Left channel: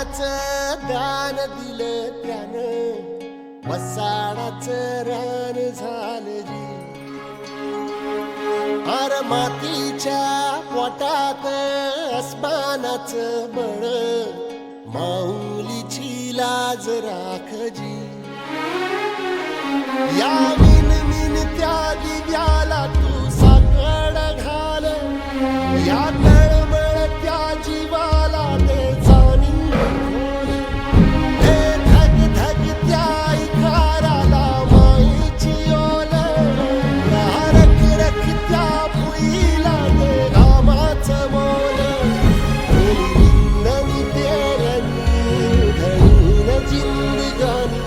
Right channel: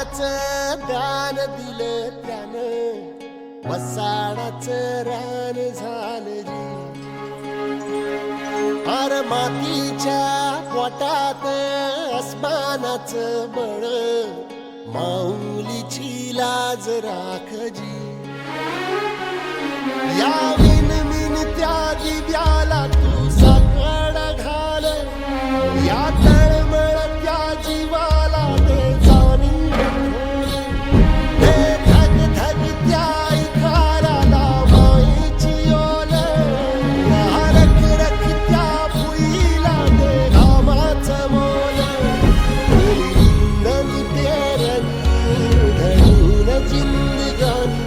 प्राणाचं दान दिलं त्यानं, वसाडाचं रान झालं जी. अर मातीच्या पोटात अस्मानाचं बळ, माऊलीची लाज राखजी. या मिनमिनत्या दिव्याला तू साकड घाल, या तळमळत्या जीवाला दे जाणीव खोल. दे धग धगत्या इकाराला मायेची ओल, या रखरखत्या भुईला दे घामाचं मोल. ओली रिंदणी पेरणी धणीन जिंदगानी,